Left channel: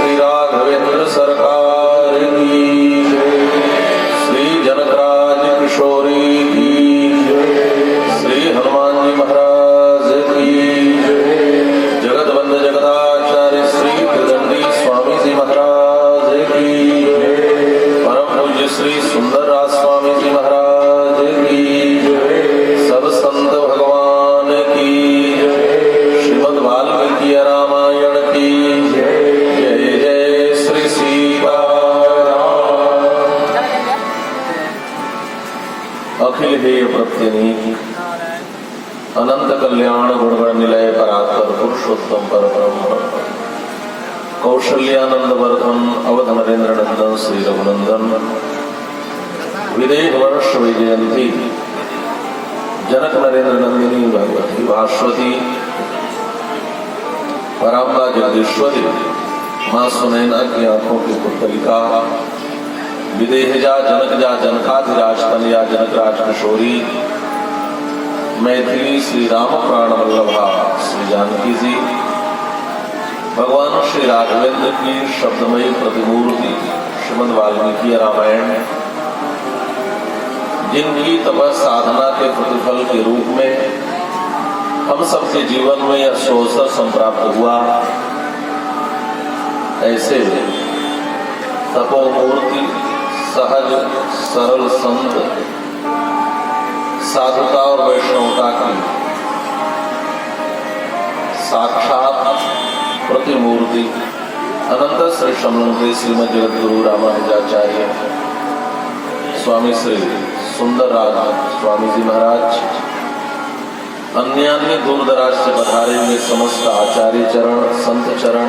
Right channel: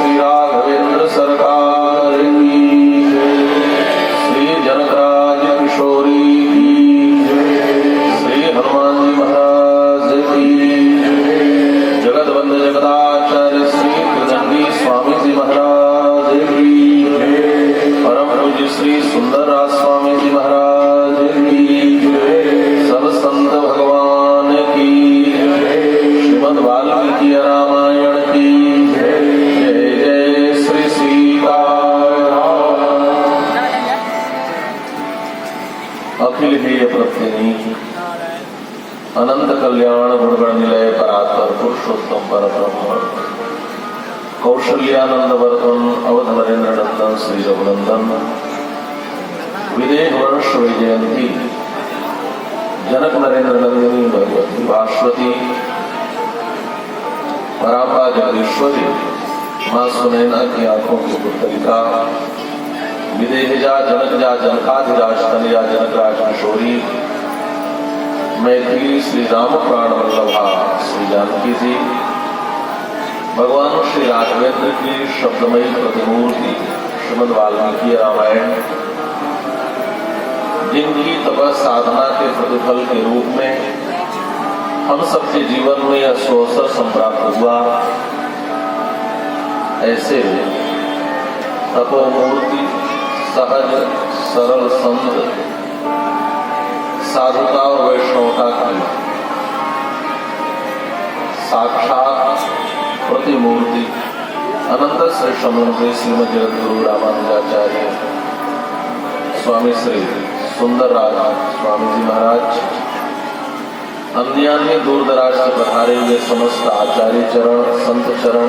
श्री राघवेंद्र सरकार की जय। श्री जनकराज किशोरी की जय। श्री हनुमान जी महाराज की जय। जगतवंद जगदाचार्य श्री पुरंदी स्वामी जी महाराज की जय। परम पूज्य श्री सुंदरराज स्वामी जी महाराज की जय। सब संत भगवान की जय। श्रीमद् वाल्मीकि रामायण की जय। जय जय श्री सीताराम। अखिल हेय प्रत्यनीक अनंत कल्याण गुणगण निलय परात्पर पुरुषोत्तम परब्रह्म कौशल्यानंद वर्धन अवध नरेंद्र नंदन श्री रघुनंदन विदेह वर्ष वैजयंती जनक नरेंद्र नंदिनी भगवती भास्वती पराम्बा जगदीश्वरी मां सुनैना की आंखों की पुतलिका विदेहजा जनकजा जनकाधिराज कन्या जनकराज किशोरी मैथिली श्री राम प्राण वल्लभा श्री जानकी जी भगवान श्री राघवेंद्र की शब्दमयी प्रतिमूर्ति श्रीमद् वाल्मीकि रामायण जिनकी तपस साधना के प्रतिफल के रूप में हम सबके जीवन में यह सुअवसर संप्राप्त हुआ। ऐसे तपोमूर्ति सहज सरल संत साधुता और वैष्णवता की साक्षात प्रतिमूर्ति अनंत श्रेष्ठ मंत्री श्रीमद जगद्गुरु रामानुजाचार्य स्वामी श्री सुंदरराज स्वामी जी महाराज अन्य दूर दराज से पधारे हुए समस्त आचार्य चरण संत चरण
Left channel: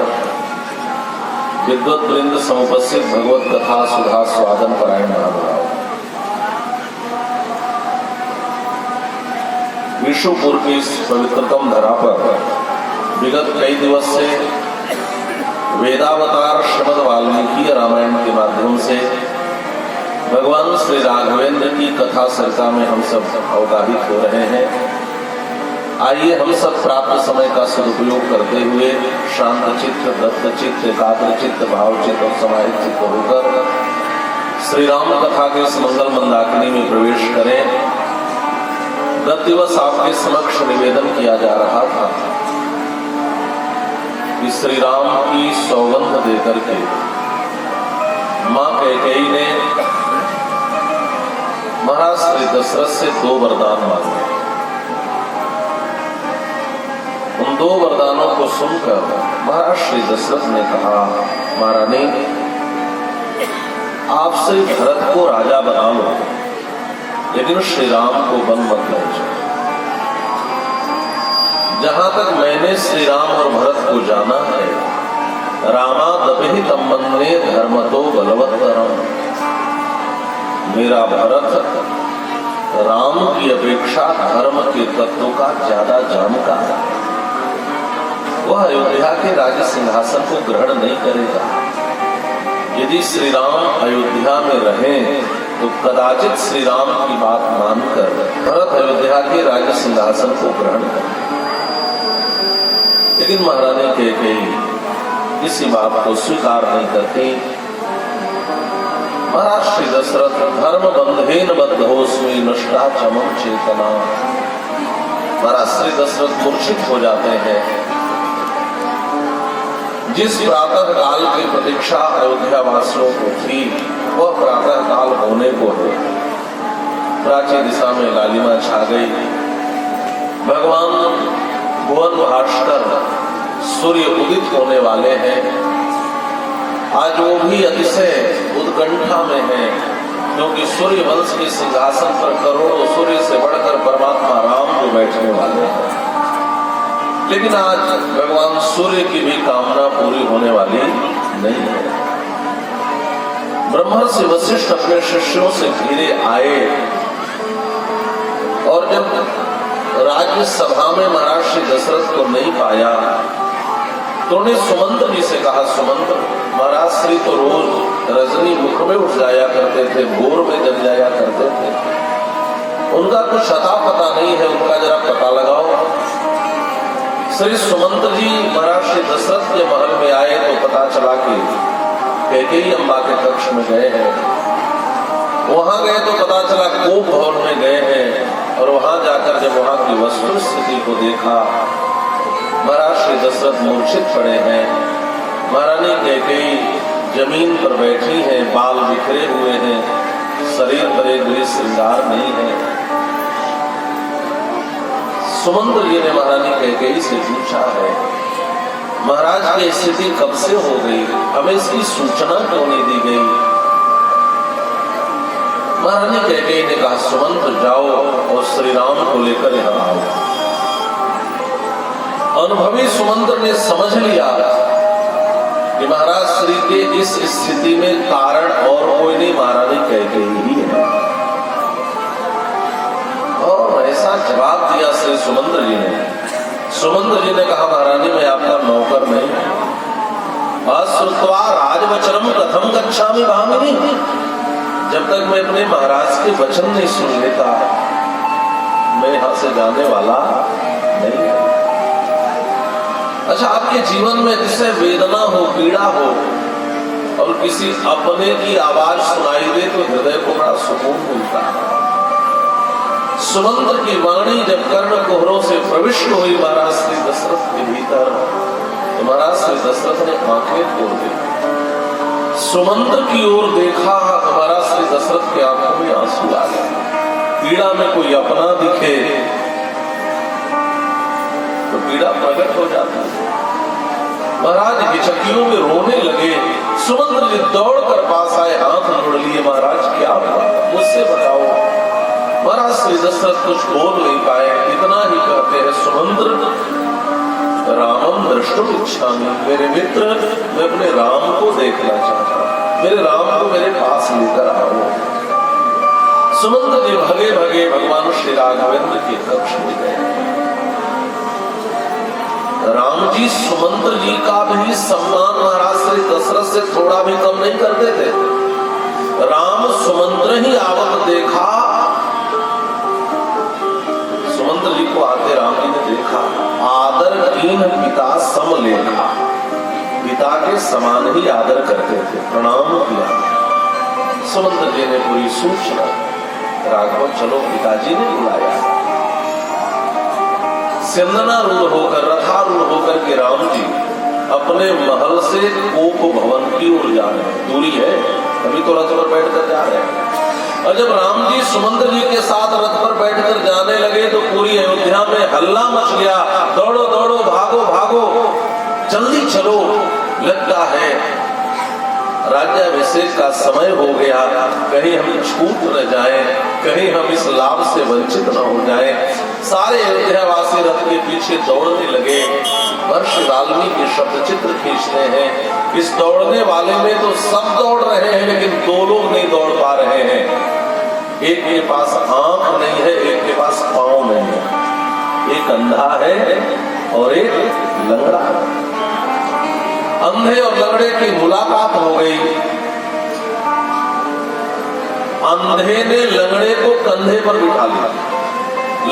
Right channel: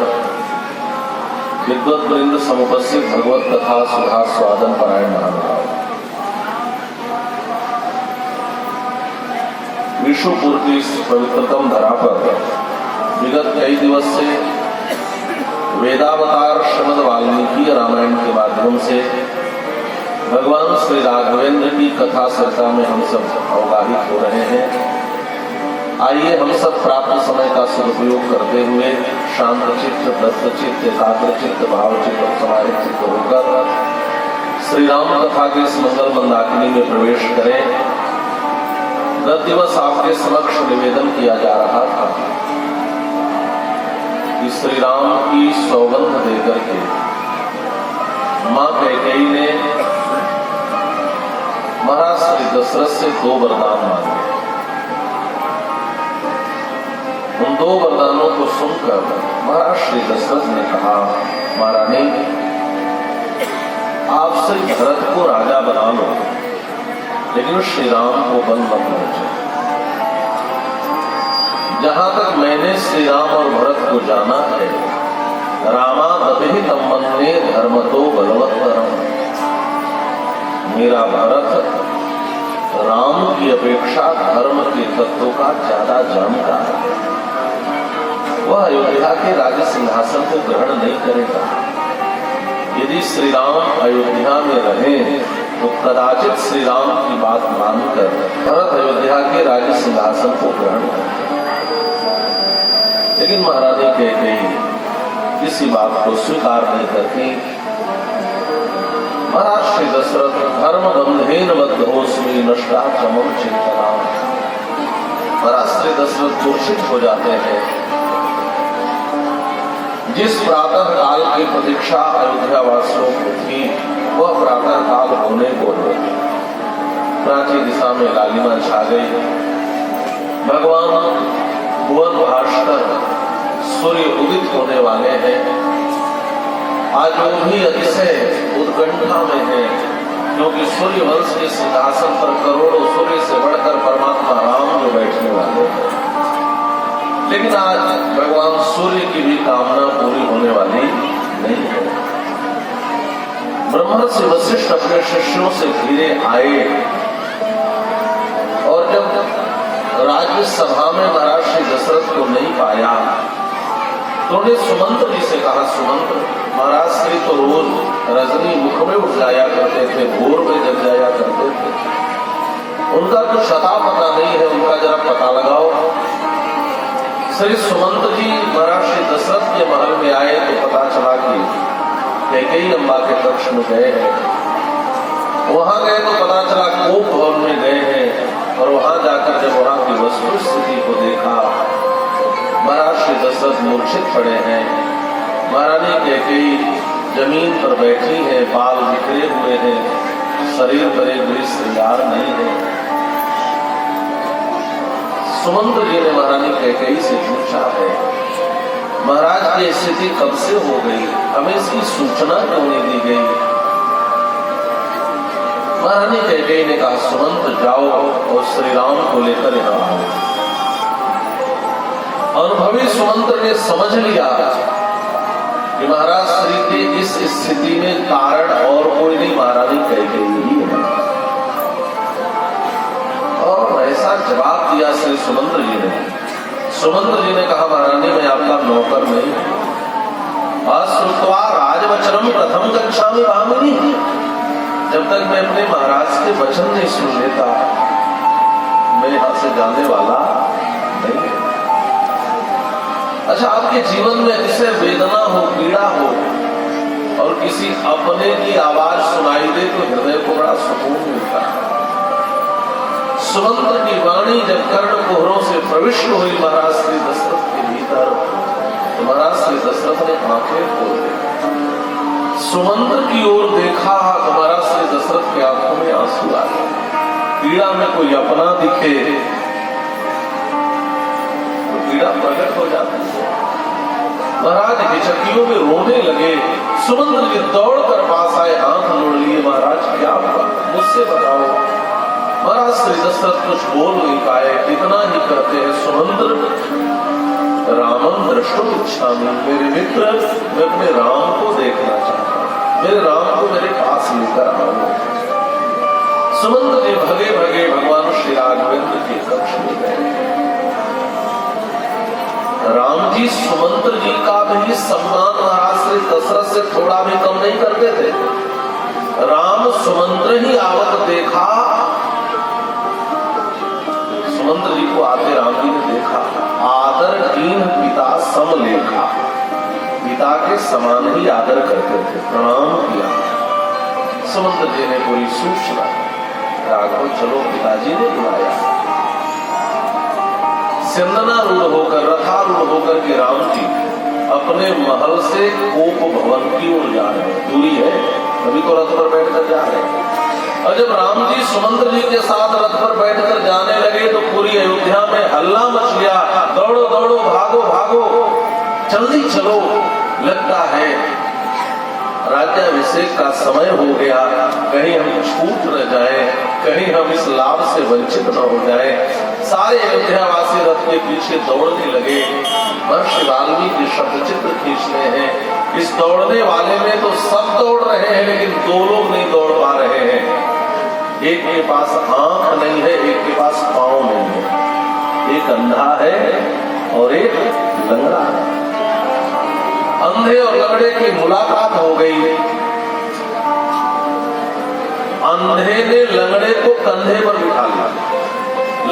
विद्वत वृंद समुपस्थित भगवत कथा सुधा स्वादन पारायण महानुभाव विश्वपुर की इस पवित्रतम धरा पर विगत कई दिवस से वेदावतार श्रीमद् वाल्मीकि रामायण के माध्यम से भगवान श्री राघवेंद्र की कथा चर्चा में हम सब अवगाहित हो रहे हैं। आइए हम सब प्राप्त समय का सदुपयोग करते हुए शांत चित्त दत्त चित्त एकाग्र चित्त भाव चित्त और समाहित चित्त होकर श्री राम कथा के इस मंगल मंदाकिनी में प्रवेश करें। गत दिवस आपके समक्ष निवेदन किया जा रहा था कि श्री राम की सौगंध देकर के मां कैकेयी ने महाराज श्री दशरथ से 2 वरदान मांगे। उन 2 वरदानों को सुनकर महाराज श्री दशरथ ने कहा, महारानी आपसे भरत को राजा बना लो, लेकिन श्री राम को वन मत भेजो। जहां तक मैंने श्री राम और भरत को जाना है, रामादपि तमन्ने धर्मतो बलवत्तरम, मेरा भरत राम की अपेक्षा धर्म के तत्व का ज्यादा जानता है। वह अयोध्या के राज सिंहासन को ग्रहण नहीं करेगा। यदि श्री राम अयोध्या में रहें तो कदाचित श्री राम की बात मानकर भरत अयोध्या के राज सिंहासन को ग्रहण करें। लेकिन महारानी कैकेयी इसी बात को स्वीकार नहीं करती। महाराज श्री दशरथ धर्म बंधेन बद्धोस्मि नष्टा चमम चेतना, महाराज श्री दशरथ मूर्छित हो जाते हैं। जिस प्रातः काल की प्रतीक्षा अयोध्या वासियों को थी, वह प्रातः काल होने को हो। प्राची दिशा में लालिमा छा गई। भगवान भुवन भास्कर सूर्य उदित होने वाले हैं। आज वो भी अतिशय उत्कंठा में है, क्योंकि सूर्य वंश के सिंहासन पर करोड़ों सूर्य से बढ़कर परमात्मा राम जो बैठने वाले हैं। लेकिन आज भगवान सूर्य की भी कामना पूरी होने वाली नहीं है। ब्रह्मर्षि वशिष्ठ अपने शिष्यों से घिरे आए और जब राज्य सभा में महाराज श्री दशरथ को नहीं पाया तो उन्हें सुमंत जी से कहा, सुमंत महाराज श्री तो रोज रजनी मुख में उठ जाया करते थे, भोर में जग जाया करते थे, उनका कुछ अता पता नहीं है, उनका जरा पता लगाओ। श्री सुमंत जी महाराज श्री दशरथ के महल में आए तो पता चला कि में गए हैं। वहां गए तो पता चला कोप भवन में गए हैं, और वहां जाकर जब वहां की वस्तु स्थिति को देखा, महाराज श्री दशरथ मूर्छित पड़े हैं। महारानी कैकेयी जमीन पर बैठी है, बाल बिखरे हुए हैं, शरीर पर एक गृह श्रृंगार नहीं है। सुमंत्र जी ने महारानी कैकेयी से पूछा है, महाराज की स्थिति कब से हो गई, हमें इसकी सूचना क्यों नहीं दी गई? महारानी कैकेयी ने कहा, सुमंत्र जाओ और श्री राम को लेकर यहाँ आओ। अनुभवी सुमंत्र ने समझ लिया कि महाराज श्री के इस स्थिति में कारण और कोई नहीं, महारानी कैकेयी ही है। और ऐसा जवाब दिया श्री सुमंत्र जी ने। सुमंत्र जी ने कहा, महारानी मैं आपका नौकर नहीं, श्रुत्वा राजवचनम प्रथम गच्छामि भामिनी। जब तक मैं अपने महाराज के वचन नहीं सुन लेता, मैं यहां से जाने वाला नहीं। अच्छा, आपके जीवन में जिसे वेदना हो, पीड़ा हो, और किसी अपने की आवाज सुनाई दे तो हृदय को बड़ा सुकून मिलता है। सुमंत्र की वाणी जब कर्ण कोहरों से प्रविष्ट हुई महाराज श्री दशरथ के भीतर, तो महाराज श्री दशरथ ने आंखें खोल दी, सुमंत्र की ओर देखा, हमारा श्री दशरथ की आंखों में आंसू आए। पीड़ा में कोई अपना दिखे तो पीड़ा प्रकट हो जाती है। महाराज हिचकियों में रोने लगे। सुमंत्र जी दौड़कर पास आए, हाथ जोड़ लिए, महाराज क्या हुआ, मुझसे बताओ। महाराज श्री दशरथ कुछ बोल नहीं पाए, इतना ही करते हैं, सुमंत्र रामम दृष्टुम इच्छामि, मेरे मित्र मैं अपने राम को देखना चाहता हूं, मेरे राम को मेरे पास लेकर आओ। सुमंत्र जी भगे भगे भगवान श्री राघवेंद्र के कक्ष में गए। राम जी सुमंत्र जी का भी सम्मान महाराज श्री दशरथ से थोड़ा भी कम नहीं करते थे। राम सुमंत्र ही आवक देखा, सुमंत्र जी को आते राम जी ने देखा, आदर कीन पिता सम लेखा, पिता के समान ही आदर करते थे, प्रणाम किया। सुमंत्र जी ने पूरी सूचना, राघव चलो पिताजी ने बुलाया। सिंधनारूढ़ होकर, रथारूढ़ होकर के राम जी अपने महल से कोप भवन की ओर जा रहे हैं। दूरी है, अभी तो रथ पर बैठकर जा रहे हैं। और जब राम जी सुमंत्र जी के साथ रथ पर बैठकर जाने लगे तो पूरी अयोध्या में हल्ला मच गया, दौड़ो दौड़ो, भागो भागो, जल्दी चलो, लगता है राज्याभिषेक का समय हो गया, कहीं हम छूट न जाएं, कहीं हम इस लाभ से वंचित न हो जाएं। सारे अयोध्यावासी रथ के पीछे दौड़ने लगे। महर्षि वाल्मीकि शब्द चित्र खींचते हैं, इस दौड़ने वाले में तो सब दौड़ रहे हैं, लेकिन दो लोग नहीं दौड़ पा रहे हैं। एक के पास आंख नहीं है, एक के पास पांव नहीं है, एक अंधा है और एक लंगड़ा। अंधे और लंगड़े की मुलाकात हो गई। अंधे ने लंगड़े को कंधे पर बिठा लिया,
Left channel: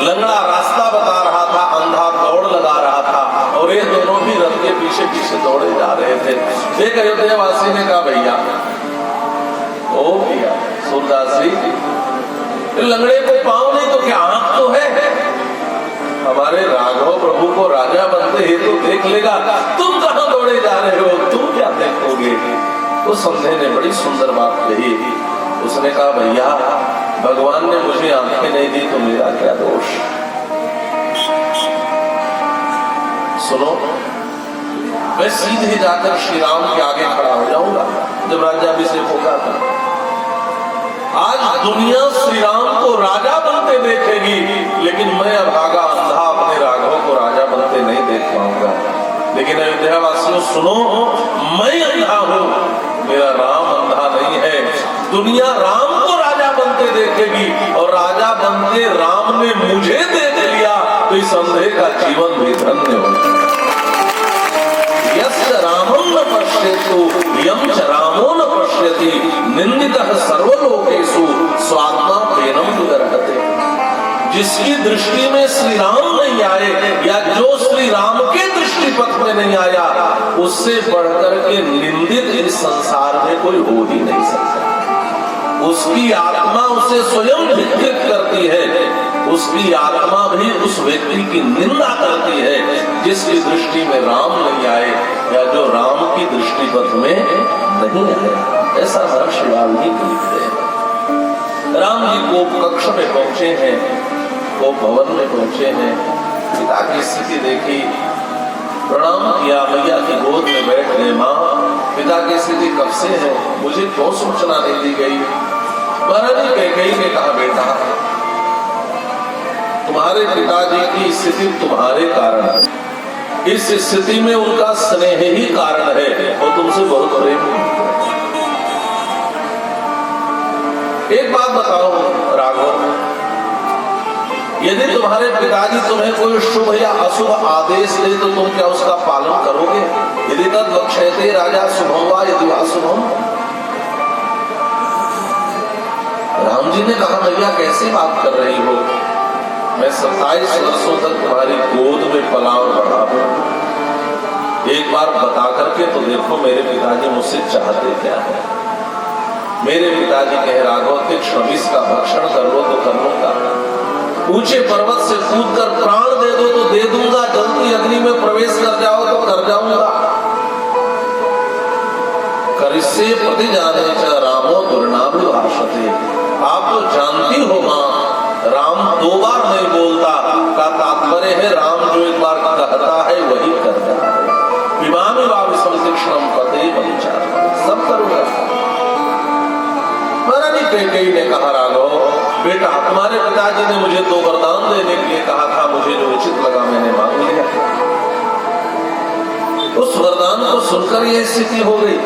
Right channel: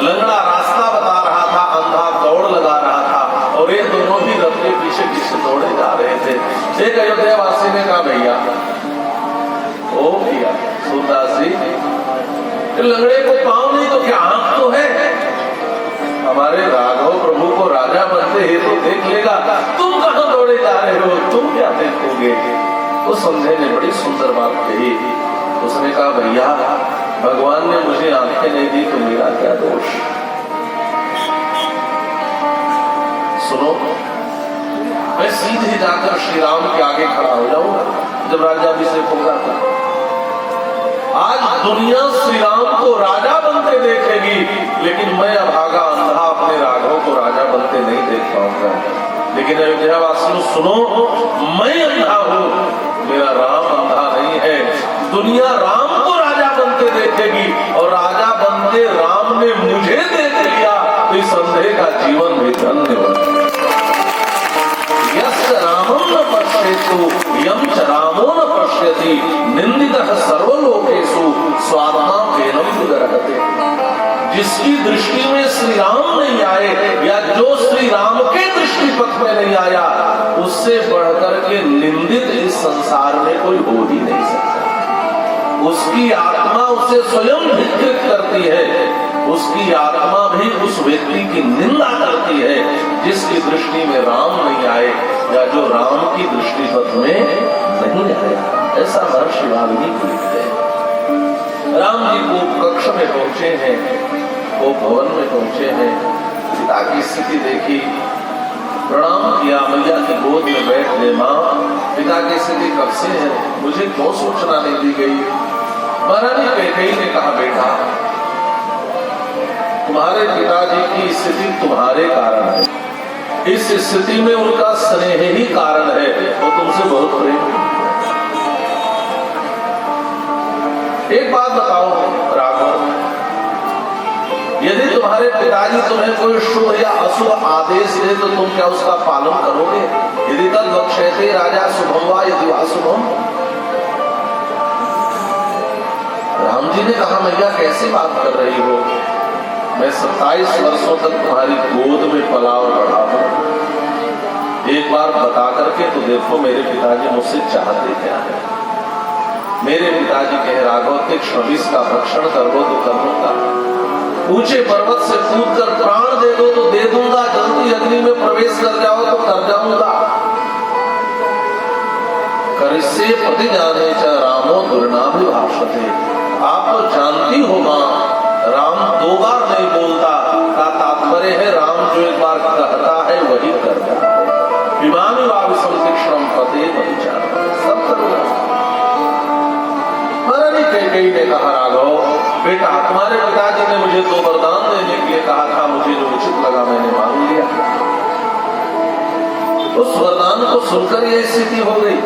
लंगड़ा रास्ता बता रहा था, अंधा दौड़ लगा रहा था, और ये दोनों भी रथ के पीछे पीछे दौड़े जा रहे थे। एक अयोध्यावासी ने कहा, भैया ओ भैया सूरदास जी, लंगड़े को पांव नहीं तो क्या आंख तो है? हमारे राघव प्रभु को राजा बनते ही तो देख लेगा, तुम कहां दौड़े जा रहे हो, तुम क्या देखोगे? तो समझे ने बड़ी सुंदर बात कही। उसने कहा, भैया भगवान ने मुझे आंखें नहीं दी तो मेरा क्या दोष? सुनो, मैं सीधे जाकर श्री राम के आगे खड़ा हो जाऊंगा जब राज्याभिषेक होगा। आज दुनिया श्री राम को राजा बनते देखेगी, लेकिन मैं अभागा अंधा अपने राघव को राजा बनते नहीं देख पाऊंगा। लेकिन अयोध्यावासियों सुनो, मैं अंधा हूं, मेरा राम अंधा नहीं है। दुनिया राम को राजा बनते देखेगी, और राजा बनते राम ने मुझे देख लिया तो इस अंधे का जीवन भी धन्य होगा। यस्य रामो न पश्येतु यं च रामो न पश्यति निंदितः सर्वलोकेषु स्वात्माप्येनं विदर्हते। जिसकी दृष्टि में श्री राम नहीं आए, या जो श्री राम के दृष्टि पथ में नहीं आया, उससे बढ़कर के निंदित इस संसार में कोई हो ही नहीं सकता। उसकी आत्मा उसे स्वयं धिक्कृत करती है, उसकी आत्मा भी उस व्यक्ति की निंदा करती है जिसकी दृष्टि में राम नहीं आए या जो राम की दृष्टि पथ में नहीं आए। ऐसा महर्षि वाल्मीकि लिखते हैं। राम जी को कक्ष में पहुंचे हैं, वो भवन में पहुंचे हैं, पिता की स्थिति देखी, प्रणाम किया, मैया की गोद में बैठ गए। माँ, पिता की स्थिति कब से है, मुझे क्यों सूचना नहीं दी गई? महारानी कैकेयी ने कहा, बेटा तुम्हारे पिताजी की स्थिति तुम्हारे कारण है, इस स्थिति में उनका स्नेह ही कारण है, वो तुमसे बहुत प्रेम करते हैं। एक बात बताओ राघव, यदि तुम्हारे पिताजी तुम्हें कोई शुभ या अशुभ आदेश दे तो तुम क्या उसका पालन करोगे? यदि तद लक्ष्यते राजा शुभम वा यदि अशुभम। राम जी ने कहा, मैया कैसे बात कर रही हो, मैं 27 वर्षों तक तुम्हारी गोद में पला रहा हूं, एक बार बता करके तो देखो मेरे पिताजी मुझसे चाहते क्या है। मेरे पिताजी कहे, राघव के 26 का भक्षण करो तो करूंगा, ऊंचे पर्वत से कूद कर प्राण दे दो तो दे दूंगा, जलती अग्नि में प्रवेश कर जाओ तो कर जाऊंगा। करिष्ये प्रति जाने च रामो दुर्नाभि भाषते। आप तो जानती हो मां, राम 2 बार नहीं बोलता, का तात्पर्य है राम जो एक बार कहता है वही करता है। इमामी वाव स्मृतिक्षण पते विचार सब करूंगा। महारानी कैकेयी ने कहा, राघव बेटा, तुम्हारे पिताजी ने मुझे 2 वरदान देने के लिए कहा था, मुझे जो उचित लगा मैंने मांग लिया। उस वरदान को सुनकर यह स्थिति हो गई।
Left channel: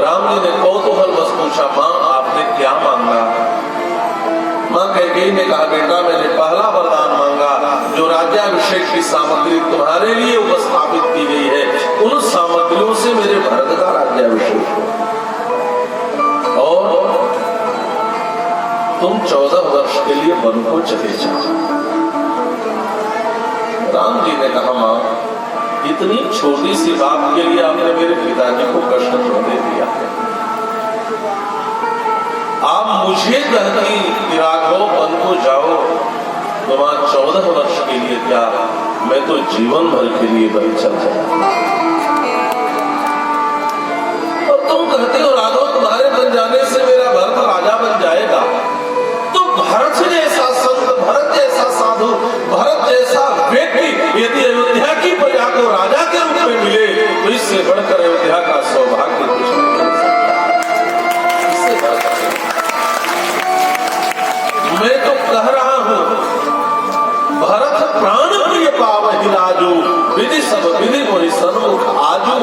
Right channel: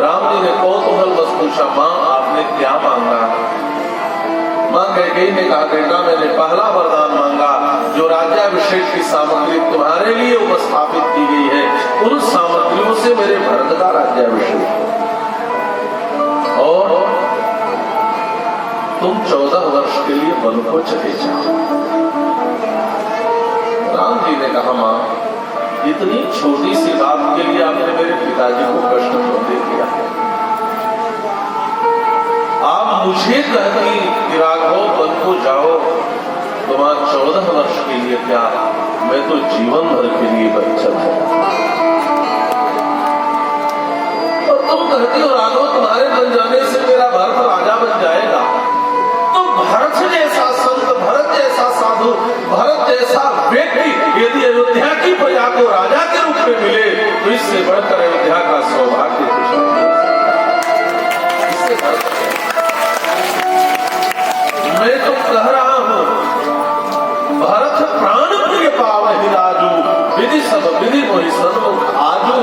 राम जी ने कौतूहल बस पूछा, मां आपने क्या मांगा? मां कैकेयी ने कहा, बेटा मैंने पहला वरदान मांगा, जो राज्याभिषेक की सामग्री तुम्हारे लिए उपस्थापित की गई है, उन सामग्रियों से मेरे भरत का राज्याभिषेक हो और तुम 14 वर्ष के लिए वन को चले जाओ। राम जी ने कहा, मां इतनी छोटी सी बात के लिए आपने मेरे पिताजी को कष्ट क्यों दे दिया? आप मुझे कहती कि राघव वन को जाओ, तो वहां 14 वर्ष के लिए क्या, मैं तो जीवन भर के लिए वन चल जाऊंगा। और तुम कहती हो राघव तुम्हारे बन जाने से मेरा भरत राजा बन जाएगा। तो भरत जैसा संत, भरत जैसा साधु, भरत जैसा व्यक्ति यदि अयोध्या की प्रजा को राजा के रूप में मिले तो इससे बढ़कर अयोध्या का सौभाग्य कुछ नहीं। इससे बढ़कर मैं तो कह रहा हूं, भरत प्राण प्रिय पावहि राजू, विधि सब विधि मोहि सन्मुख आजू,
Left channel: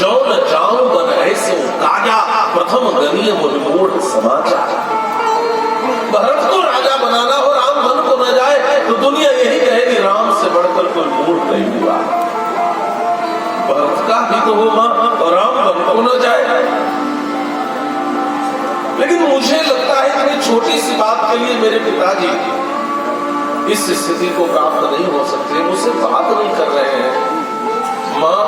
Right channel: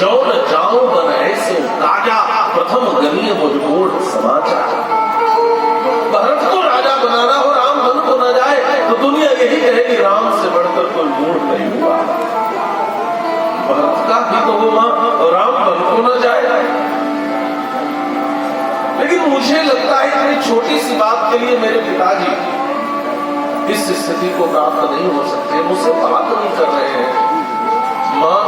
जो न जाऊं बन ऐसे ताजा, प्रथम गनीय मोहि समाचार। भरत को राजा बनाना हो, राम मन को न जाए तो दुनिया यही कहेगी राम से बढ़कर कोई मूढ़ नहीं हुआ। भरत का भी तो होगा तो राम मन को न जाए। लेकिन मुझे लगता है इतनी छोटी सी बात के लिए मेरे पिताजी इस स्थिति को प्राप्त नहीं हो सकते, मुझसे बात नहीं कर रहे हैं। मां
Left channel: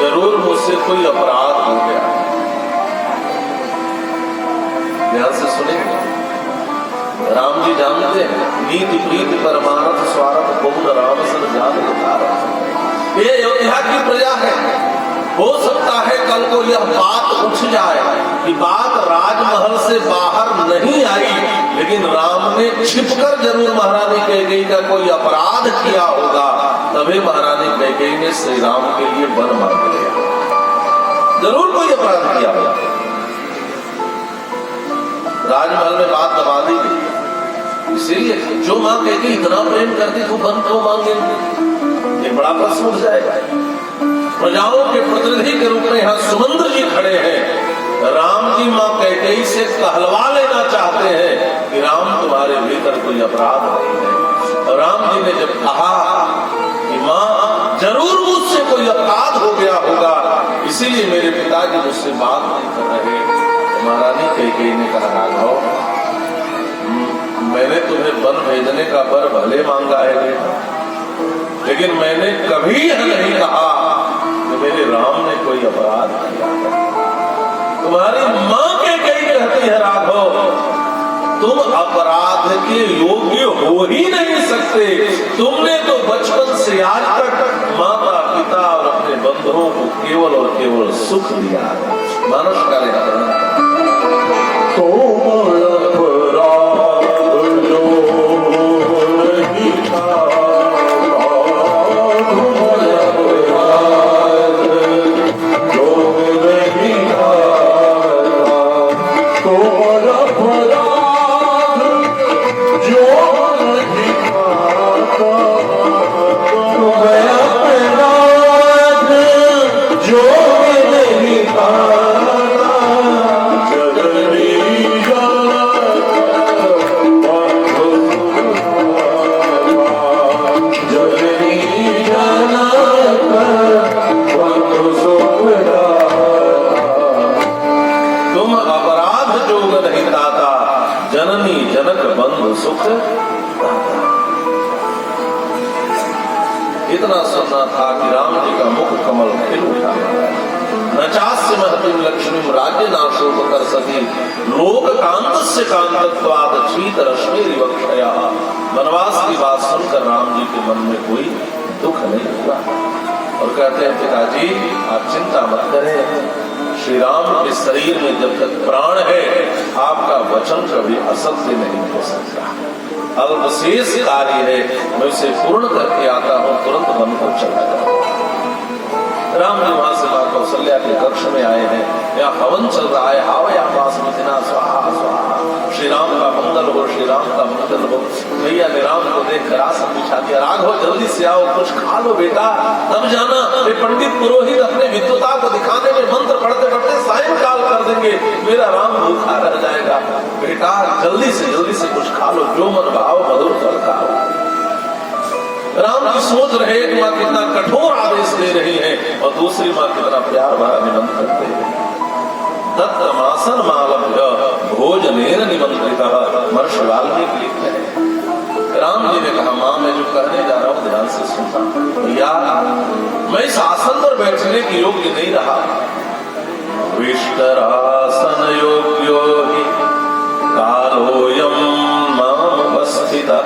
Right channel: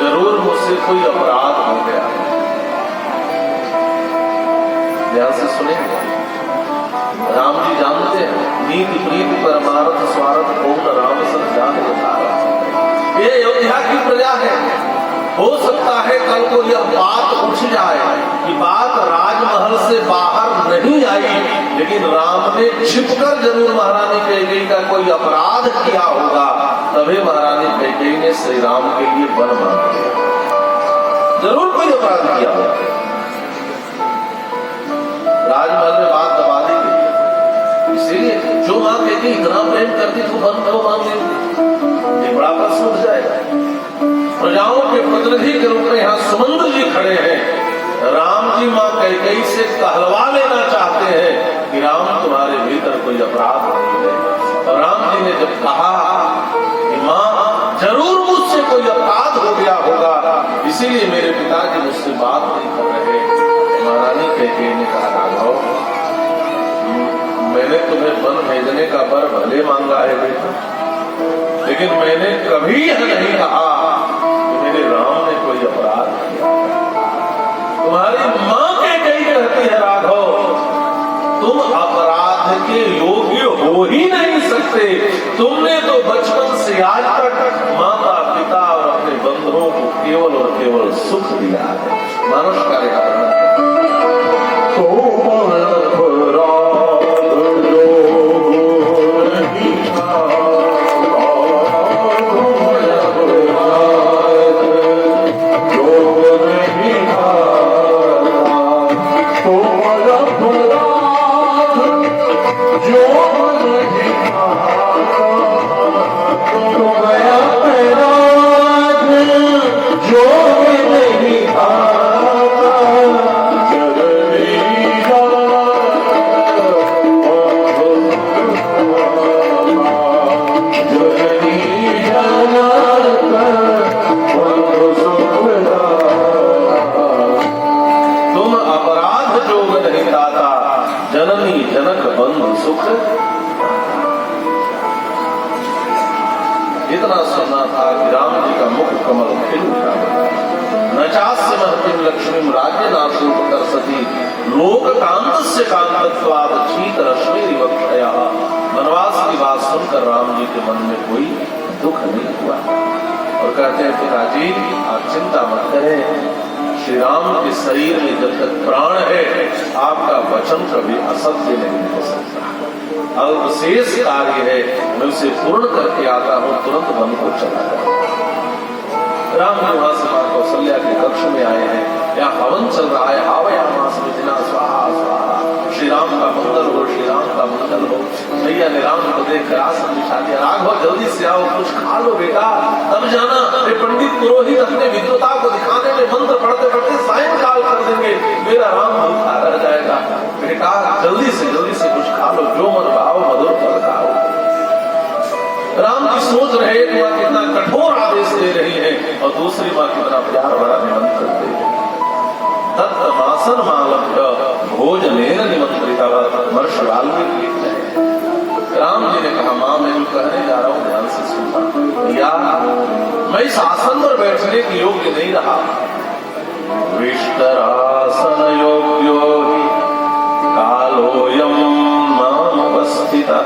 जरूर मुझसे कोई अपराध हो गया। ध्यान से सुनेंगे, राम जी जानते हैं नीति प्रीति परमार्थ स्वार्थ पूर्ण राम सन जान। ये अयोध्या की प्रजा है, हो सकता है कल को यह बात उठ जाए कि बात राजमहल से बाहर नहीं आई, लेकिन राम ने छिपकर जरूर महारानी कैकेयी का कोई अपराध किया होगा, तभी महारानी कैकेयी ने श्री राम के लिए वर मांग लिया। जरूर कोई अपराध किया होगा, राजमहल में बात दबा दी गई। इसीलिए जो मां कैकेयी इतना प्रेम करती तो बन दो मांगे, ये बड़ा प्रश्न उठ जाएगा। प्रजाओं के प्रतिनिधि के रूप में यहाँ सुमंत्र जी खड़े हैं, राम जी मां कैकेयी से कहलवा लेना चाहते हैं कि राम तुम्हारे भीतर कोई अपराध नहीं है। राम जी ने जब कहा कि मां जरूर मुझसे कोई अपराध हो गया होगा, इसीलिए मेरे पिताजी मुझसे बात नहीं कर रहे। महारानी कैकेयी ने कहा, राघव मैंने तुम्हें वन भेजने का वर भले मांगा है बेटा, लेकिन मैंने कभी यह नहीं कहा कि मेरे राम ने कोई अपराध किया। तुम्हारी मां कहती है राघव, तुम अपराध के योग्य हो ही नहीं सकते। तुमने तो बचपन से आज तक माता पिता और अपने बंधुओं को केवल और केवल सुख दिया है। मानुष का लिहाज जननी जनक बंधु सुख। इतना सुनना था कि राम जी का मुख कमल खिल उठा। नचास्य महतिम लक्ष्मी राज्य नाशो सती लोक कांतस्य कांतत्वाद शीत रश्मि विवक्षया। वनवास की बात सुनकर राम जी के मन में कोई दुख नहीं हुआ और कहते हैं पिताजी आप चिंता मत करें, श्री राम के शरीर में जब तक प्राण है आपका वचन कभी असत्य नहीं हो सकता। अब शेष कार्य है मैं उसे पूर्ण करके आता हूँ, तुरंत वन को चला जाता। राम जी वहां से मां कौशल्या के कक्ष में आए हैं, यहाँ हवन चल रहा है। हावयामास मिथिना स्वाहा स्वाहा, श्री राम का मंगल हो, श्री राम का मंगल हो। भैया ने राम को देखकर आसन बिछा दिया। राघव जल्दी से आओ, कुछ खा लो बेटा, तब जाना ये पंडित पुरोहित अपने विद्वता को दिखाने में मंत्र पढ़ते पढ़ते सायंकाल कर देंगे, मेरा राम भूखा रह जाएगा। बेटा जल्दी से कुछ खा लो, जो मन भाव मधुर फल खाओ। राम की सोच रहे, एक माँ कितना कठोर आदेश दे रही है और दूसरी माँ कितना प्यार भरा निमंत्रण दे रही है। दत्तमासन मालभ्य भोजनेर निमंत्रिता। महर्षि वाल्मीकि लिखते हैं, राम जी ने कहा माँ मैं जो कहने जा रहा हूँ ध्यान से सुनना। या मैं इस आसन पर बैठने के योग्य नहीं रहा। विष्टरासन योग्यो हि कालोयम माम उपस्थिता।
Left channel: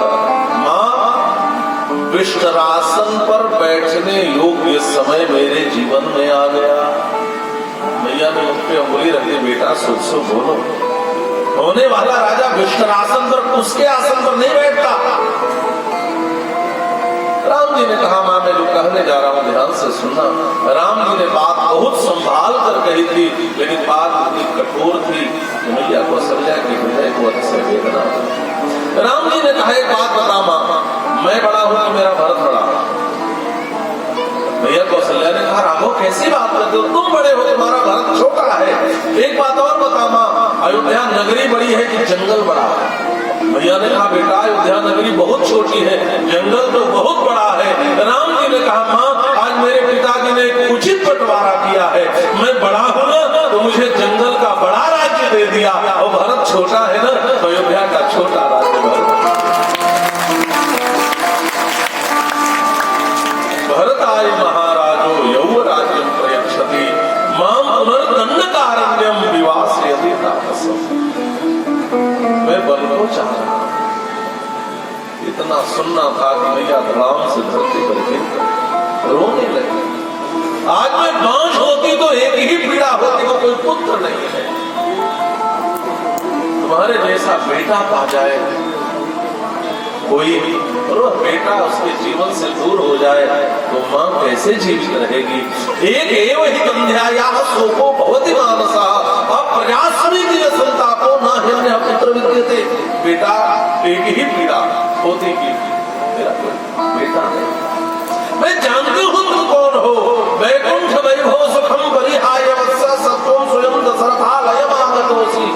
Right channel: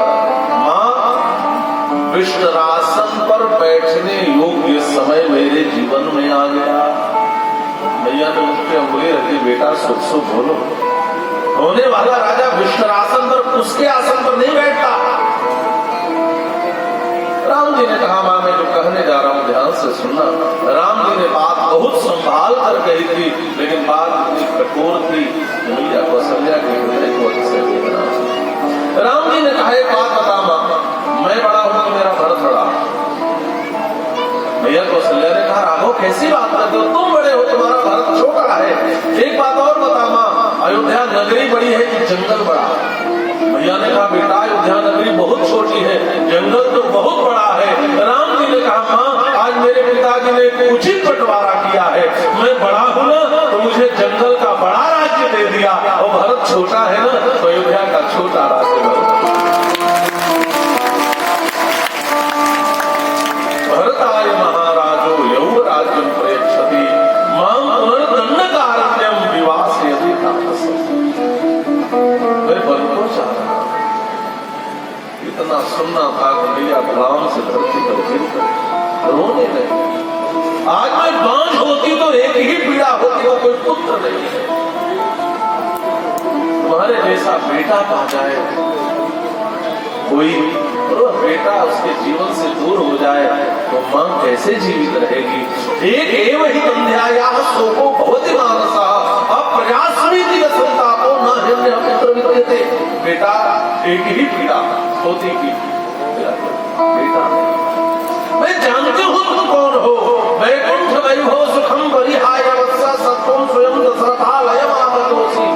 माँ विष्टरासन पर बैठने योग्य समय मेरे जीवन में आ गया। भैया ने मुझ पे उंगली रखी, बेटा सो बोलो। होने वाला राजा विष्टरासन पर उसके आसन पर नहीं बैठता। राम जी ने कहा मां मैं जो कहने जा रहा हूं ध्यान से सुनना। राम जी ने बात बहुत संभाल कर कही थी, लेकिन बात इतनी कठोर थी मैया कौशल्या के हृदय को अक्सर बना। राम जी ने कहा एक बात बता मां, मैं बड़ा हूं कि मेरा भरत बड़ा। भैया कौशल्या ने कहा राघव कैसी बात करते हो, तुम बड़े हो तुम्हारा भरत छोटा है। एक बात और बता मां, अयोध्या नगरी बड़ी है कि जंगल बड़ा? भैया ने कहा बेटा अयोध्या नगरी बहुत छोटी है, जंगल तो बहुत बड़ा है। राम जी ने कहा मां आज मेरे पिताजी ने एक उचित बंटवारा किया है, मैं बड़ा हूं ना तो मुझे जंगल का बड़ा राज्य दे दिया और भरत छोटा है ना तो अयोध्या का छोटा राज्य। भरत आय महाराजो यौ राज्यम प्रयच्छति मां पुनर्दंडकारण्यम विवासयति तापस। मैं वन को चाहता, इतना सुनना था कि मेरा ग्राम से धरती पर गिर रोने लगे। आज मैं बांझ होती तो एक ही पीड़ा होती, वो कोई पुत्र नहीं है। तुम्हारे जैसा बेटा पा जाए कोई, और बेटा उसके जीवन से दूर हो जाए तो मां कैसे जीवित रहेगी। एक एव ही बंध्याया सोको भवति मानसा अप्रजास्मिति संतापो न हिरण्य पुत्र विद्यते। बेटा एक ही पीड़ा होती की मेरा कोई बेटा नहीं। मैं जानती हूँ तुम कौन हो। वैकुंठ वैभव सुखम परिहाय वत्सा सत्वं स्वयं दशरथालयमागतोसि।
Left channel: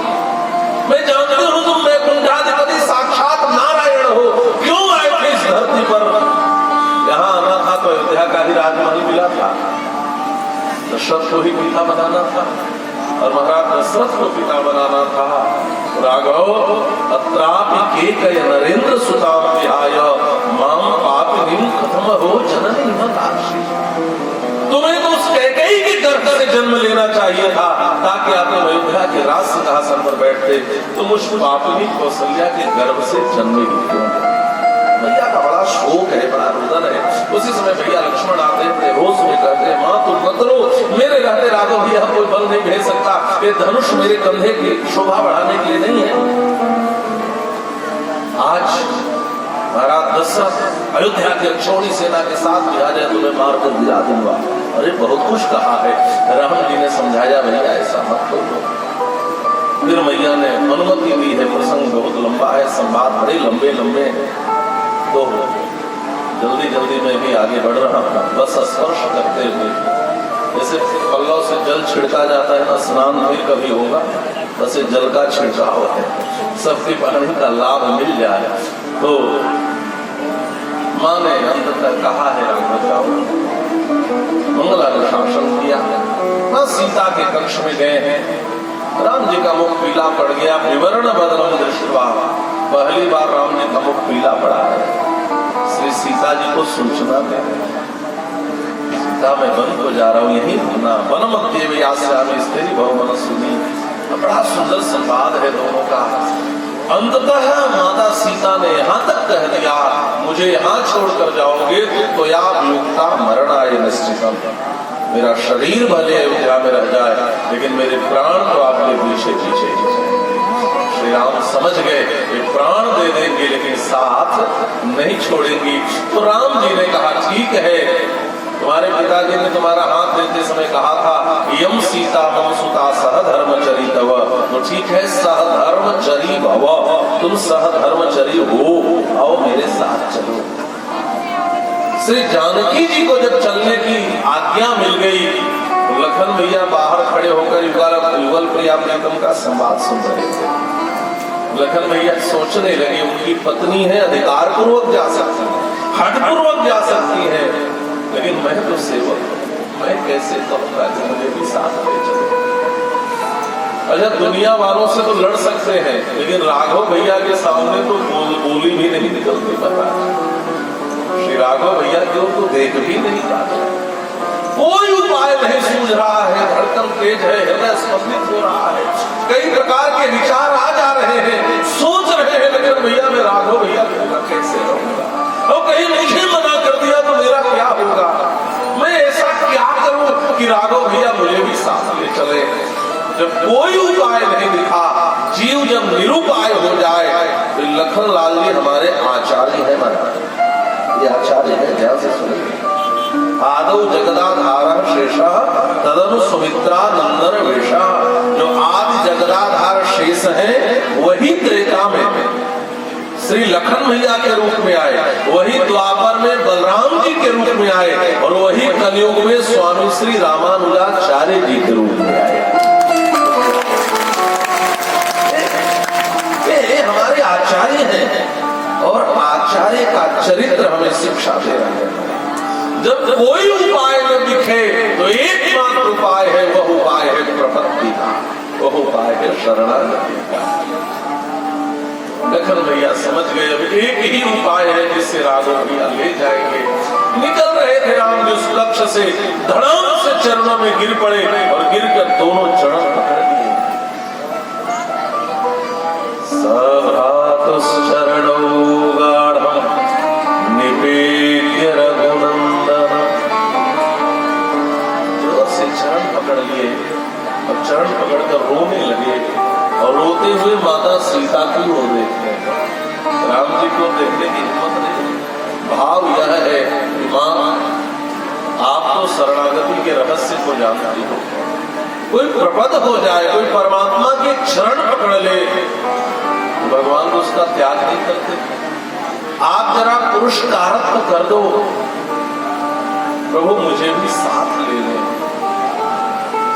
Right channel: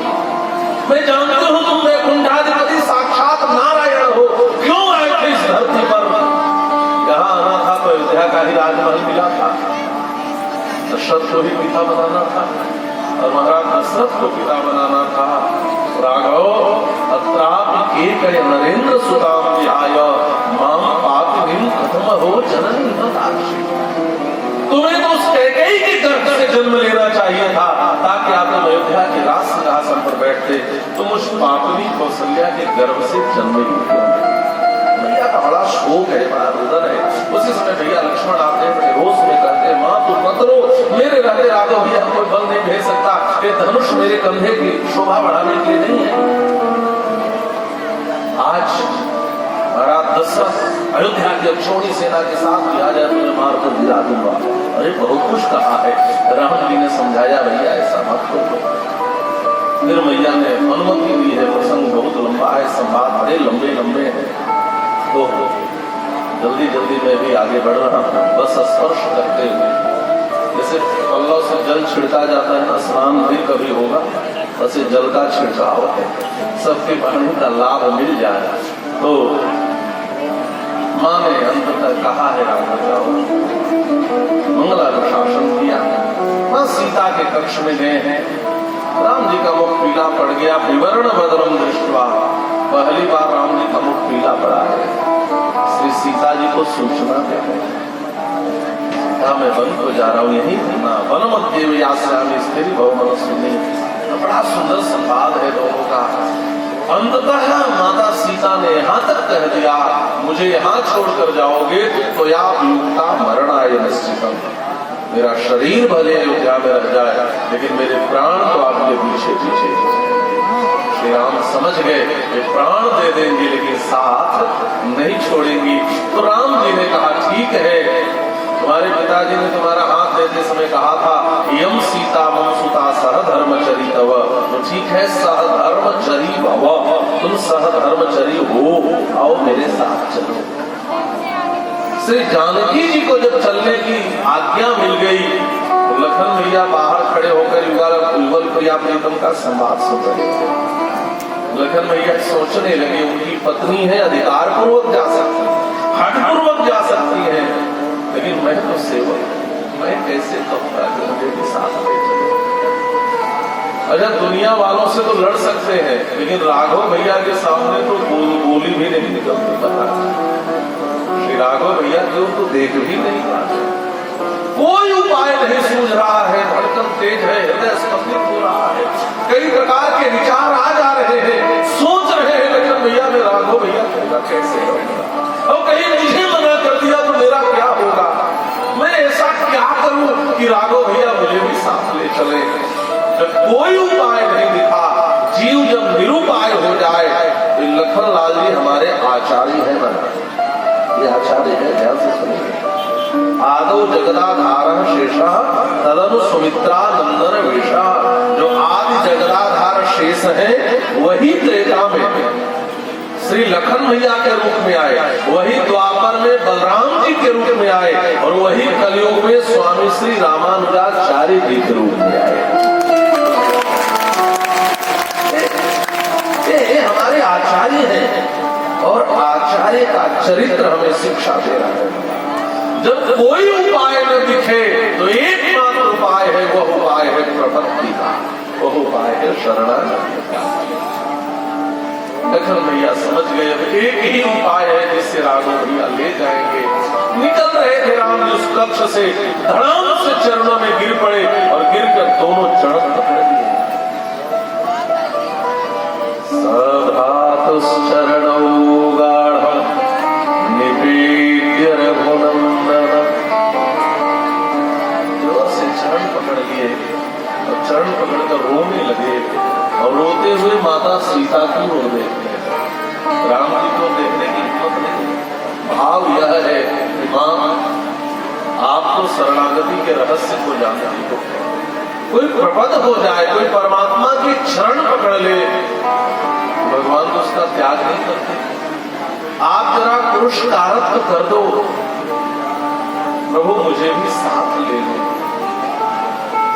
मैं जानती हूँ तुम वैकुंठाधिपति साक्षात नारायण हो, क्यों आए थे इस धरती पर? यहाँ आना था तो अयोध्या का ही राजमहल मिला था, दशरथ को ही पिता बनाना था और महाराज दशरथ को पिता बनाना था। राघव अत्रापि के करे नरेंद्र सुताम विहाय माम पापिनीं कथम हो जननी हितकाक्षी। तुम्हें तो उस कैकेयी के गर्भ से जन्म लेना चाहिए था ताकि आप अयोध्या के राज सिंहासन पर बैठ पापनी कौशल्या के गर्भ से जन्मे ही भैया का बड़ा शोक है, बड़ा रुदन है। उसी समय भैया लक्ष्मण आते हैं, बड़े रोष में कहते हैं, माँ तुम मत रो, मेरे रहते राघव भैया कोई बल नहीं भेज सकता, ये धनुष मेरे कंधे की शोभा बढ़ाने के लिए नहीं है। आज महाराज दशरथ अयोध्या की अक्षौणी सेना के साथ आ जाए तो मैं मार कर गिरा दूंगा। अरे बहुत कुछ कहा है, राम जी ने समझाया भैया ऐसा मत करो। फिर मैया ने अनुमति दी है, प्रसंग बहुत लंबा है, संवाद बड़े लंबे लंबे हैं, तो जल्दी जल्दी मैं भी आगे बढ़ रहा हूँ। बस स्पर्श करते हुए जैसे पल्लव से जल छिड़का जाता है ना, स्नान भी कभी होगा, वैसे जल का छिड़काव है, सबके पानी का लाभ मिल जाए। तो माँ ने अंत तक कहा है मंगला का शासन किया है। सीता के कक्ष में गए हैं, राम जी का मुख पीला पड़ गया, विवरण भद्रम दृष्टवा, पहली बार राम जी का मुख पीला पड़ा है। श्री सीता जी को सूचना दे, सीता मैं वन को जा रहा हूँ, यही ना वन मध्य व्यास्यामि स्त्री बहुमन सुनी। बड़ा सुंदर संवाद है दोनों का। अंततः माता सीता ने यहाँ तक कह दिया, मुझे यहाँ छोड़कर जाओगे तो आप युक्ता मरणाय निश्चितम, मेरा शरीर भले अयोध्या में रह जाए लेकिन मेरे प्राण को आपके पीछे पीछे। श्री राम समझ गए कि प्राण दे देंगे लेकिन साथ नहीं छोड़ेंगी। तो राम जी ने कहा ठीक है, तुम्हारे पिताजी ने तुम्हारा हाथ देते समय कहा था यम सीता हम सुता सहधर्मचरी तव, तो ठीक है सहधर्मचरी भव, तुम सहधर्मचरी हो, आओ मेरे साथ चलो। श्री जानकी जी को जब चलने की आज्ञा मिल गई तो लखन भैया बाहर खड़े होकर युगल प्रिया प्रीतम का संवाद सुन रहे थे। लखन भैया सोचने लगे उनकी पत्नी है, अधिकार पूर्वक जा सकती है, हट पूर्वक जा सकती है, लेकिन मैं तो सेवक, मैं कैसे कहूँगा कि मुझे भी साथ ले चलो। अच्छा दुनिया वालों से तो लड़ सकते हैं लेकिन राघव भैया के सामने तो बोली भी नहीं निकलती। पता श्री राघव भैया की ओर तो देख भी नहीं रहा, कोई उपाय नहीं सूझ रहा है, धड़कन तेज है, हृदय स्पंदित हो रहा है, कई प्रकार के विचार आ जा रहे हैं, सोच रहे हैं लेकिन भैया मैं राघव भैया होगा कैसे होगा, और कहीं मुझे मना कर दिया तो मेरा क्या होगा, मैं ऐसा क्या करूं कि राघव भैया मुझे भी साथ ले चले। जब कोई उपाय नहीं दिखा, जीव जब निरुपाय हो जाए तो लखन लाल जी हमारे आचार्य है, ये आचार्य है, ध्यान से सुनिए। आदौ जगदाधार शेषा तदनु सुमित्रा नंदन वेशा, जो आदि जगदाधार शेष है वही त्रेता में श्री लखन भैया के रूप में आए, वही द्वापर में बलराम जी के रूप में आए, और वही कलयुग में स्वामी श्री रामानुजाचार्य जी के रूप में आए। ये हमारे आचार्य हैं और आचार्य का चरित्र हमें शिक्षा दे रहा है। जब कोई उपाय न दिखे तो एकमात्र उपाय है, वह उपाय है प्रपत्ति का, वह उपाय है शरणागति का। लखन भैया समझ गए अब एक ही उपाय है जिससे राघव भैया ले जाएंगे। निकल रहे थे राम जी उस लक्ष्य से, धड़ाम से चरणों में गिर पड़े और गिरकर दोनों चरण पकड़ दिए। शरणौ गाढ़ं निवेद्य रघुनंदन, जोर से चरण पकड़ लिए और चरण पकड़कर रोने लगे, और रोते हुए माता सीता की ओर देखते हैं। राम जी को देखने की हिम्मत नहीं। भाव यह है कि मां आप तो शरणागति के रहस्य को जानती हो, कोई प्रपद हो जाए, कोई परमात्मा के चरण पकड़ ले, भगवान उसका त्याग नहीं करते। आप जरा पुरुषकारत्व कर दो, प्रभु मुझे भी साथ ले लो।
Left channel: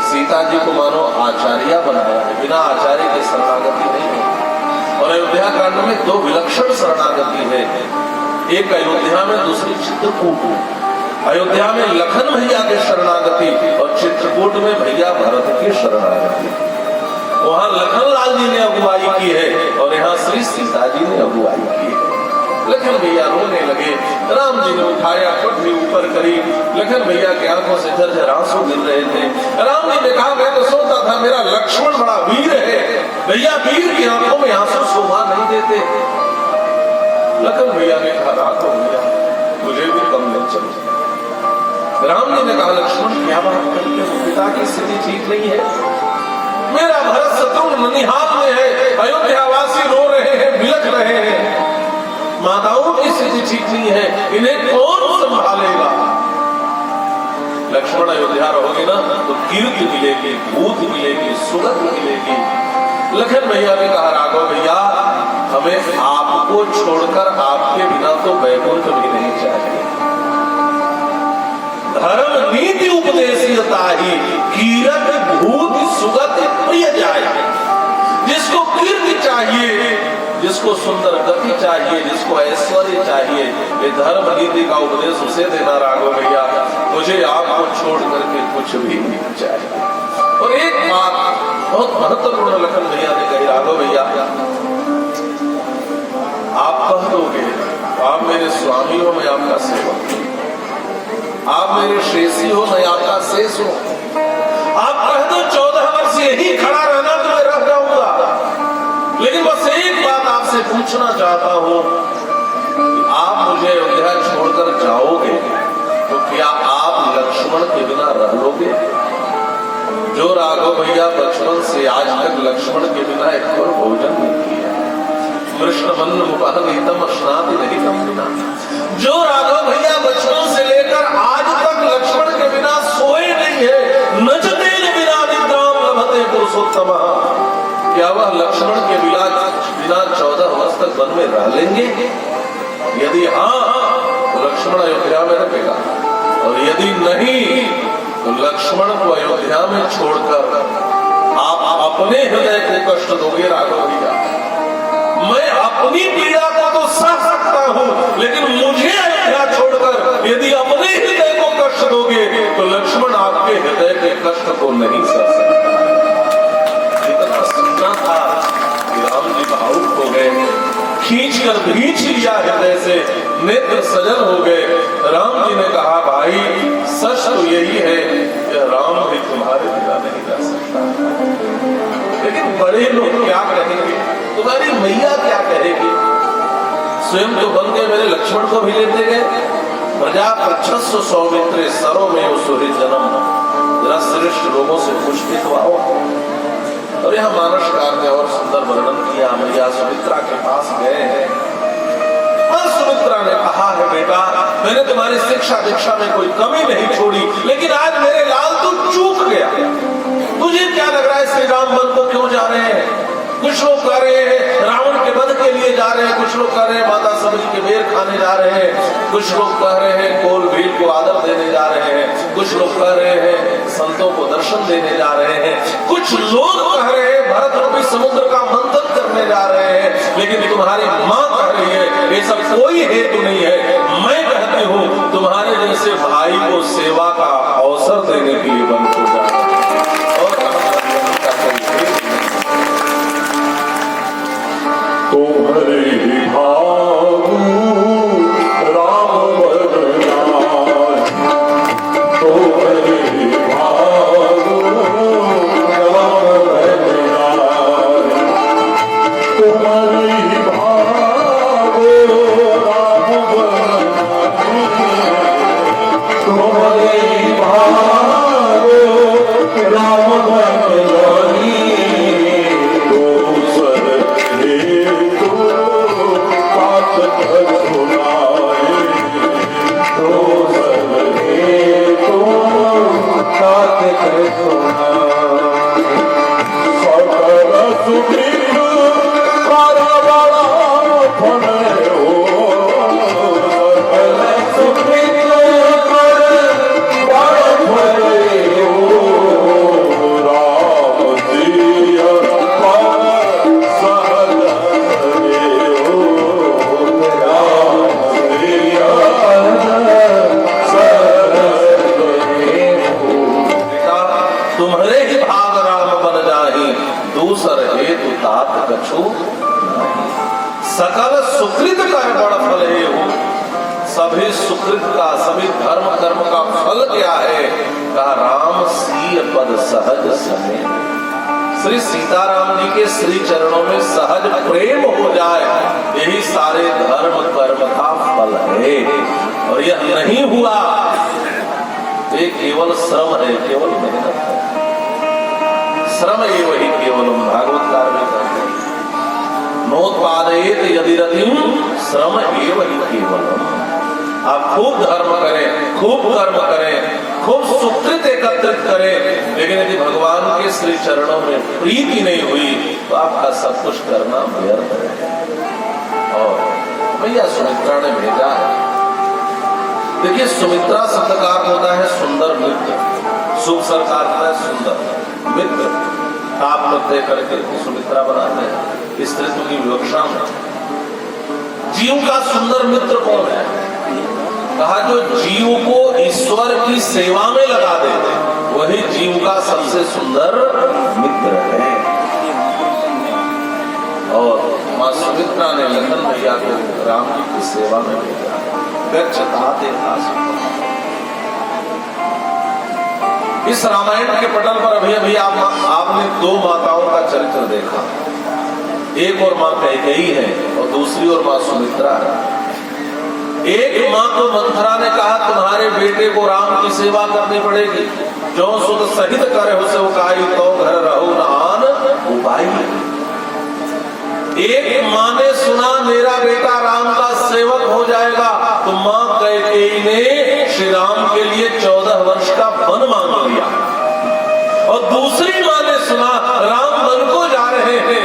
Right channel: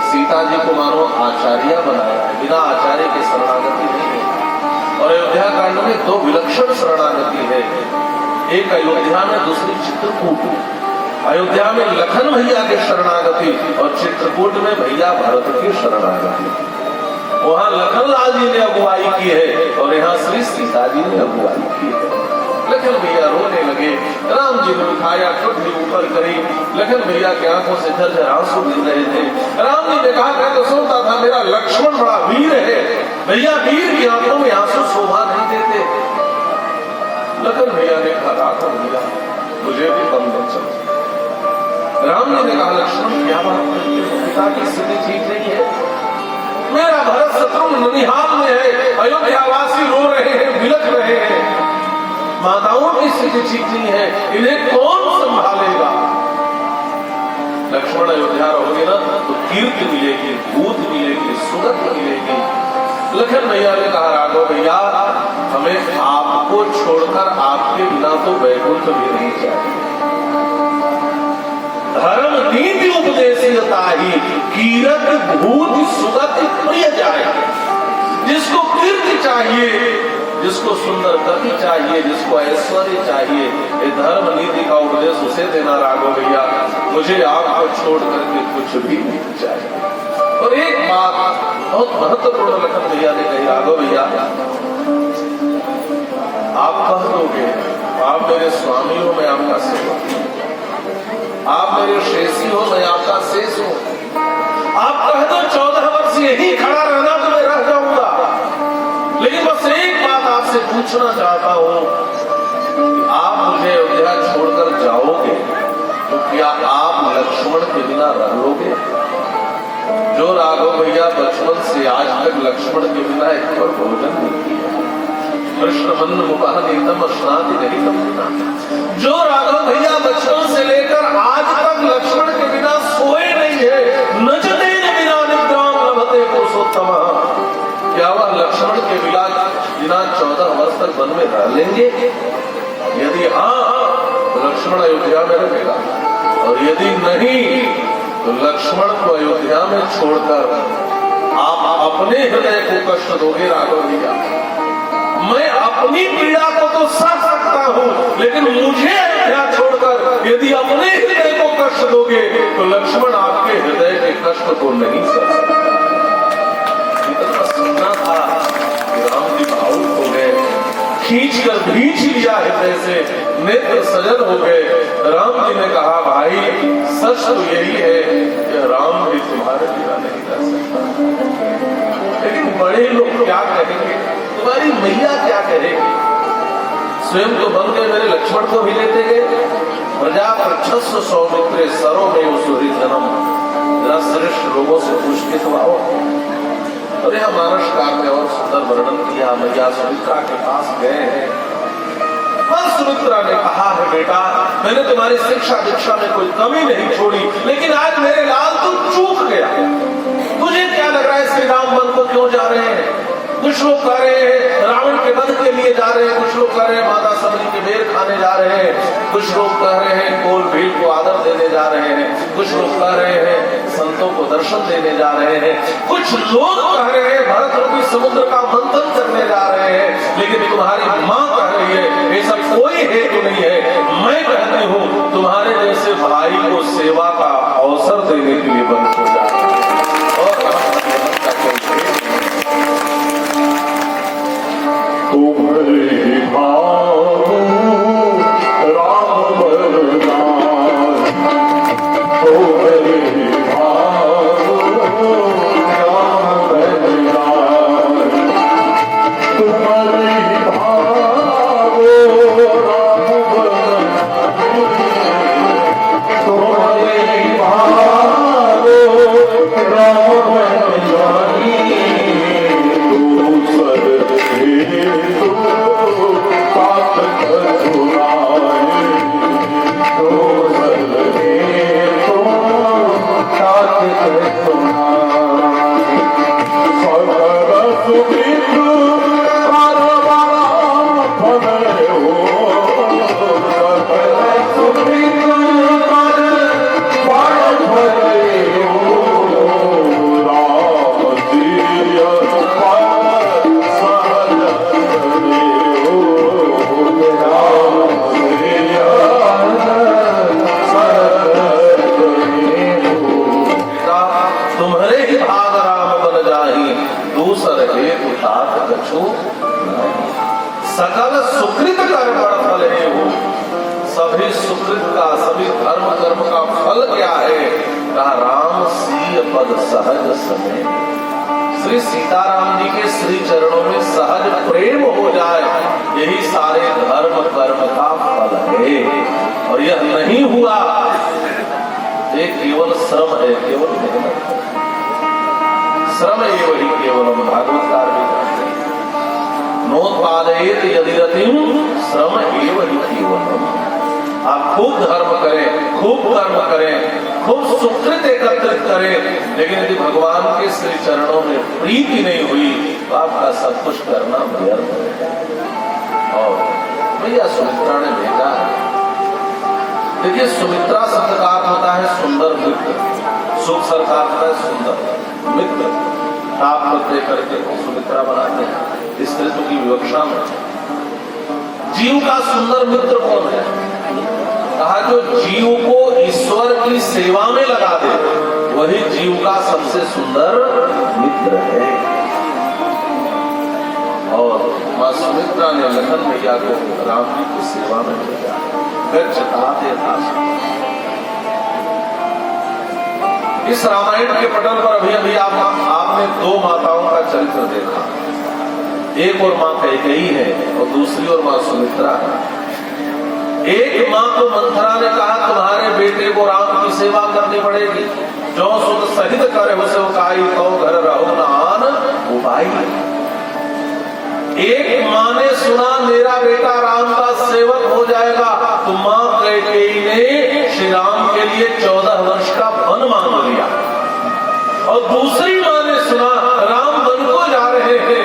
सीता जी को मानो आचार्य बनाया, बिना आचार्य के शरणागति नहीं है। और अयोध्या कांड में दो विलक्षण शरणागति है, एक अयोध्या में, दूसरी चित्रकूट। अयोध्या में लखन भैया के शरणागति और चित्रकूट में भैया भरत की शरणागति। वहां लखन लाल जी ने अगुवाई की है और यहाँ श्री सीता जी ने अगुवाई की है। लखन भैया रोने लगे, राम जी ने उठाया, कोठरी ऊपर करी, लखन भैया के आंखों से झरझर आंसू गिर रहे थे। राम जी ने कहा मैं तो सोचता था मेरा लक्ष्मण बड़ा वीर है, भैया वीर की आंखों में आंसू शोभा नहीं देते। लखन भैया ने खराब हो गया, मुझे भी कम नहीं चलता। राम जी ने कहा लक्ष्मण क्या बात करते हो, पिता की स्थिति ठीक नहीं है। मेरा भरत शत्रुघ्न ननिहाल में है, अयोध्यावासी रो रहे हैं, बिलख रहे हैं, माताओं की स्थिति ठीक नहीं है, इन्हें कौन संभालेगा। लक्ष्मण अयोध्या रहोगे ना तो कीर्ति मिलेगी, भूत मिलेगी, सुगंध मिलेगी। लखन भैया ने कहा राघव भैया हमें आपको छोड़कर आपके बिना तो वैकुंठ भी नहीं चाहिए। धर्म नीति उपदेशियता ही कीरत भूत सुगति प्रिय जाए। जिसको कीर्ति चाहिए, जिसको सुंदर गति चाहिए, जिसको ऐश्वर्य चाहिए, ये धर्म नीति का उपदेश उसे देना राघव भैया, मुझे आपको छोड़ करके कुछ भी नहीं चाहिए। और एक बात बहुत महत्वपूर्ण लखन भैया ने कही, राघव भैया आप कह दोगे आप मेरे स्वामी हो, मैं आपका सेवक, आप मेरे शेषी हो, मैं आपका शेष हूं। आप कह दो 14 वर्ष यही खड़ा रहना तो मैं रह जाऊंगा, लेकिन बस एक बात आपसे पूछना चाहता हूं, आप मुझे अयोध्या छोड़कर जाओगे तो क्या आप लक्ष्मण के बिना रह लोगे? जो राघव भैया बचपन से आज तक लक्ष्मण के बिना एक भोजन नहीं किया, कृष्ण बंधु उपहनीतम स्नाति नहीं करना। जो राघव भैया बचपन से लेकर आज तक लक्ष्मण के बिना सोए नहीं है, नचते बिना निद्राम लभते पुरुषोत्तम, क्या वह लक्ष्मण के बिना 14 वर्ष तक वन में रह लेंगे? यदि हाँ तो लक्ष्मण अयोध्या में रहेगा, और यदि नहीं तो लक्ष्मण को अयोध्या में छोड़कर आप अपने हृदय को कष्ट दोगे राघव भैया। मैं अपनी पीड़ा को तो सह सकता हूं, लेकिन मुझे अयोध्या छोड़कर यदि अपने हृदय को कष्ट दोगे तो लक्ष्मण आपके हृदय के कष्ट को नहीं सह सकता। इतना सुनना था कि राम जी भावुक हो गए, खींच कर भींच लिया हृदय से, नेत्र सजल हो गए। राम जी ने कहा भाई सच तो यही है कि राम भी तुम्हारे बिना नहीं रह सकता, लेकिन बड़े लोग क्या कहेंगे, तुम्हारी मैया क्या कहेगी? स्वयं तो बन के मेरे लक्ष्मण को भी लेते गए। प्रजा प्रच्छस्व सौमित्रे सरो में सुहृद जन्म, श्रेष्ठ लोगों से पूछ के तो आओ। अरे हम मानसकार ने और सुंदर वर्णन किया, मैया सुमित्रा के पास गए हैं। सुमित्रा ने कहा है बेटा मैंने तुम्हारी शिक्षा दीक्षा में कोई कमी नहीं छोड़ी, लेकिन आज मेरे लाल तू चूक गया। तुझे क्या लग रहा है श्री राम वन को क्यों जा रहे हैं? कुछ लोग कह रहे हैं रावण के वध के लिए जा रहे हैं, कुछ लोग कह रहे हैं माता सबरी के बेर खाने जा रहे हैं, कुछ लोग कह रहे हैं कोल भील को आदर देने जा रहे हैं, कुछ लोग कह रहे हैं संतों को दर्शन देने जा रहे हैं, कुछ लोग कह रहे हैं भरत रूपी समुद्र का मंथन करने जा रहे हैं। लेकिन तुम्हारी माँ कह रही है ये सब कोई हेतु नहीं है, मैं कहती हूँ तुम्हारे जैसे भाई को सेवा का अवसर देने के लिए बंद हो जाए। तुम्हारे भाव राम बलराम, तुम्हारे भाव राम बलराम, तुम्हारे भाव राम बलराम, तुम्हारे भाव राम बलराम, सकल सुकृत कर बड़ फल हे हो। सभी सुकृत का, सभी धर्म कर्म का फल क्या है? कहा राम सीय पद सहज समय। श्री सीताराम जी के श्री चरणों में सहज प्रेम हो जाए, यही सारे धर्म कर्म का फल है। और यह नहीं हुआ, ये केवल श्रम है, केवल मेहनत। श्रम ये वही केवलम भागवत नोत्पादयेत यदि रतिम श्रम एव ही केवलम। आप खूब धर्म करें, खूब कर्म करें, खूब सुकृत एकत्रित करें, लेकिन यदि भगवान के श्री चरणों में प्रीति नहीं हुई तो आपका सब कुछ करना व्यर्थ है। और भैया सुमित्रा ने भेजा है। देखिए, सुमित्रा शब्द का अर्थ होता है सुंदर मित्र, सुख सरकार है सुंदर मित्र। आप करते करके सुमित्रा बनाते हैं स्त्रीत्व की विवक्षा में। जीव का सुंदर मित्र कौन है? कहा जो जीव को ईश्वर की सेवा में लगा दे वही जीव का सबसे सुंदर मित्र है। और मां सुमित्रा ने लखन भैया को राम जी की सेवा में भेजा। इस रामायण के पटल पर अभी आपने दो माताओं का चरित्र देखा। एक और मां कैकेयी है और दूसरी और मां सुमित्रा है। एक मां को मंथरा ने कहा तुम्हारे बेटे को राम की सेवा करनी पड़ेगी, जो सुत सहित करे उसे उकाई तो घर रहो नान उपाई। एक मां ने सुना मेरा बेटा राम का सेवक हो जाएगा, तो मां कैकेयी ने श्री राम के लिए 14 वर्ष का वन मांग लिया। और दूसरी मां ने सुना राम वन को जा रहे हैं,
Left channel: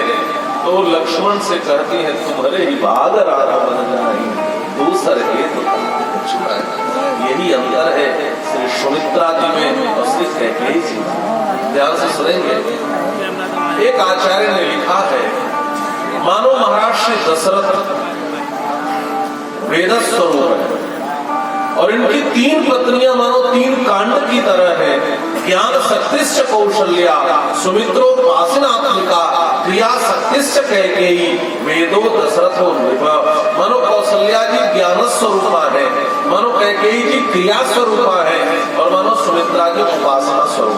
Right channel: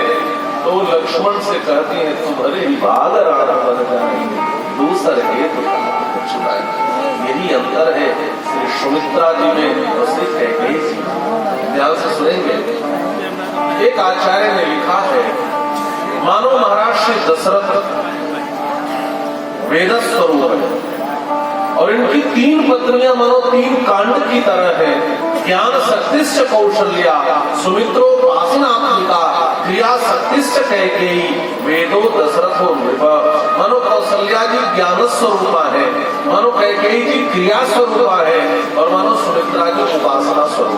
तो लक्ष्मण से कहती है तुम्हारे ही बाद राम बन जाएंगे, दूसरे यही अंतर है श्री सुमित्रा जी में और श्री कैकेयी जी। ध्यान से सुनेंगे। एक आचार्य ने लिखा है, मानो महाराज श्री दशरथ वेद स्वरूप है और इनकी 3 पत्नियां मानो 3 कांड की तरह है। ज्ञान शक्तिश्च कौशल्या सुमित्रोपासनात्मिका क्रिया शक्तिश्च कैकेयी वेदो दशरथो नृप। मानो कौशल्या जी ज्ञान स्वरूपा है, मानो कैकेयी जी क्रिया स्वरूपा है और मानो सुमित्रा जी उपासना स्वरूप।